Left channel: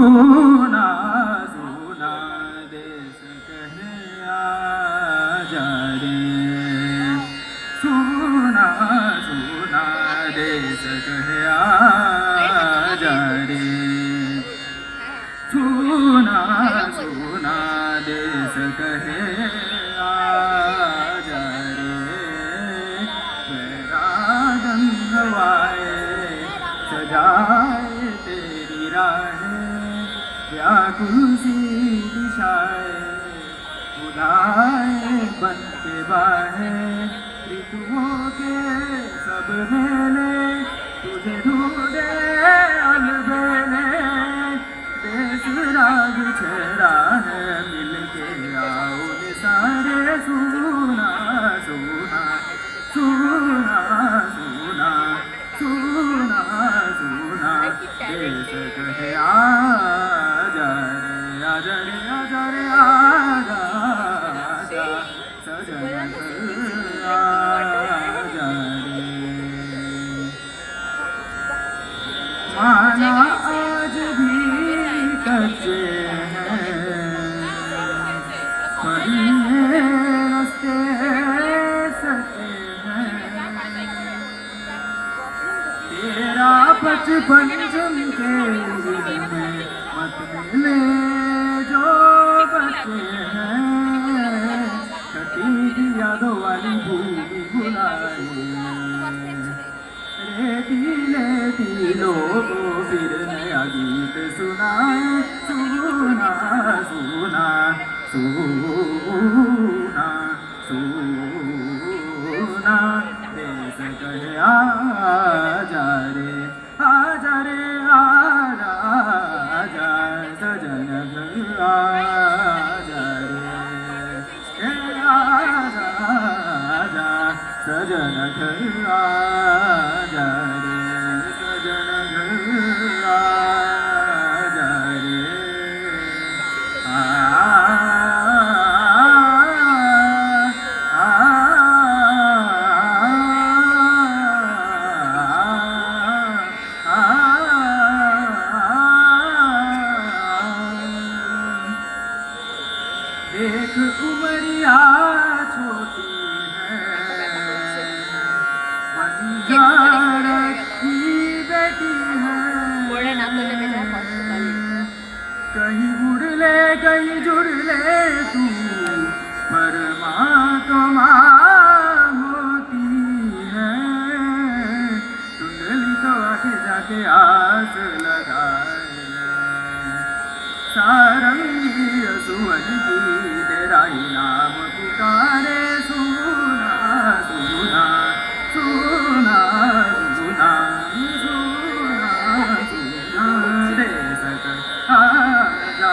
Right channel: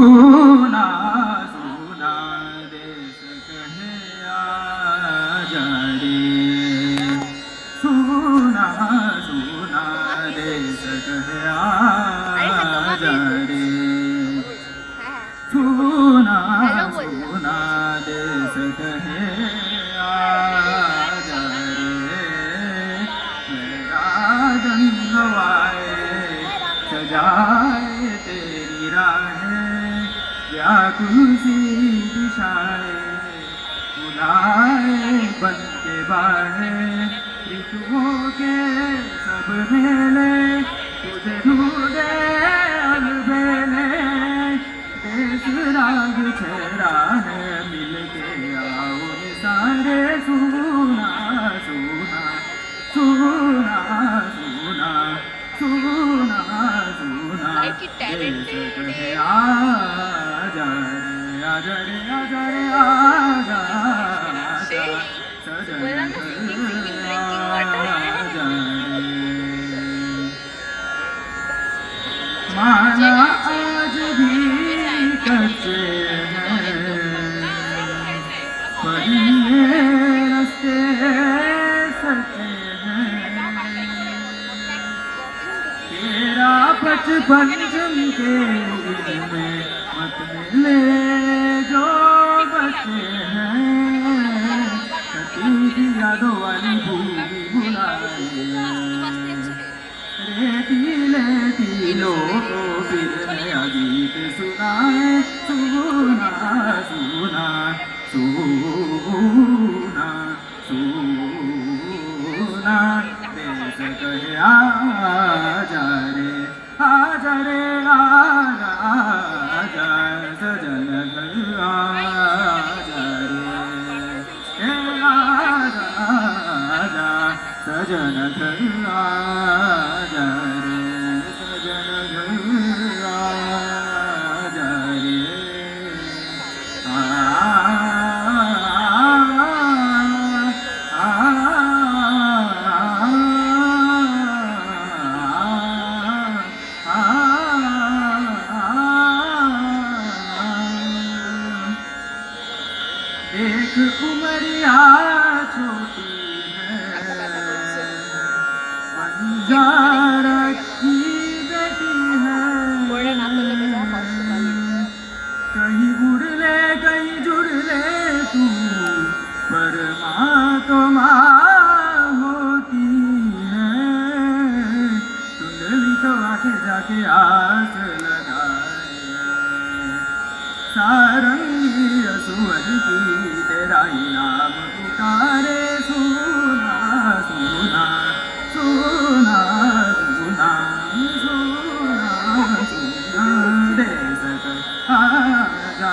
सुना सुना देश कहे आजा रे सुना सुना देश कहे आजा रे सुना सुना देश कहे आजा रे मेरा जन हवाए सजाए तेरी राहें व्याकुल सी दिशाएं बुलाए बन के बाहें ऋतुओं के सब मेले तुझे ढूंढे अलबेले देश राग छेड़ा है मिल के आओ सारे सुना सुना सुना सुना सुना सुना देश कहे आजा रे आजा रे आजा रे आजा सजन आजा रे माना आज भी कच्चे हैं पढ़िए रस्ते सच्चे तेरा बचपन के में मत मिले जो बच्चे हैं कटी यादों वाली भूमि बुलाए रेती लोगों फिर नया गीत सुनाए सुना सुना सुना सुना देश कहे आजा रे आजा रे आजा आजा सजन घर आजा रे आजा आजा सजन घर आजा रे सजन घर आजा रे एक उमरिया छोटी है अंजार की बेटी है कहीं उड़ ले कहीं जुड़ ले तू परमात्मा होती है तुमने तो आके जाके आस लगाए सारंगी असुवन की तेरा ही नाम पुकारे सुना सुना सुना सुना सुना सुना देश आजा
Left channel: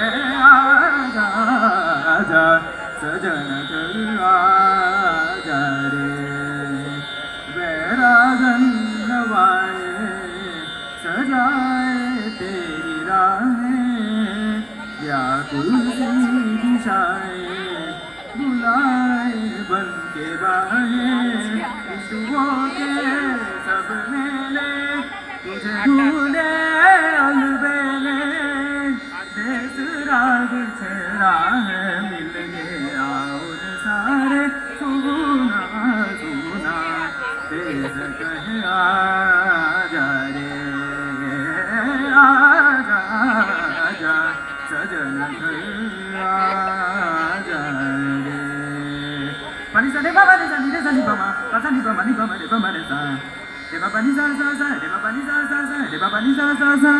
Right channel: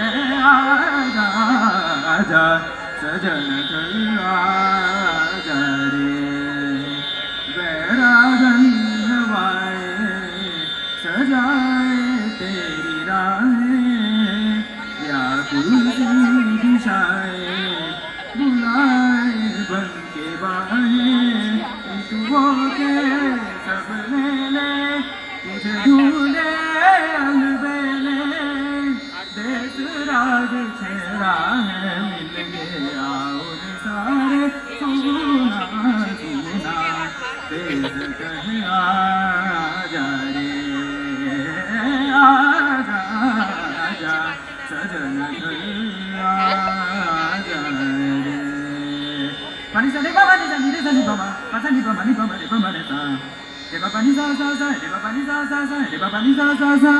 रे आजा आजा सजन आजा रे वैरागन हवाए सजाए तेरी राहें व्याकुल सी दिशाएं बुलाए बन के बाहें ऋतुओं के सब मेले तुझे ढूंढे अलबेले देश राग छेड़ा है मिल गए आओ सारे सुना सुना देश कहे आजा रे आजा आजा सजन आजा रे pani sa de ba ni sa ni de sa ni ba ma pa sa ni ba ma ni ba ma de ba ma de sa de ba ni sa sa sa de ba ni sa sa sa de ba ni sa sa sa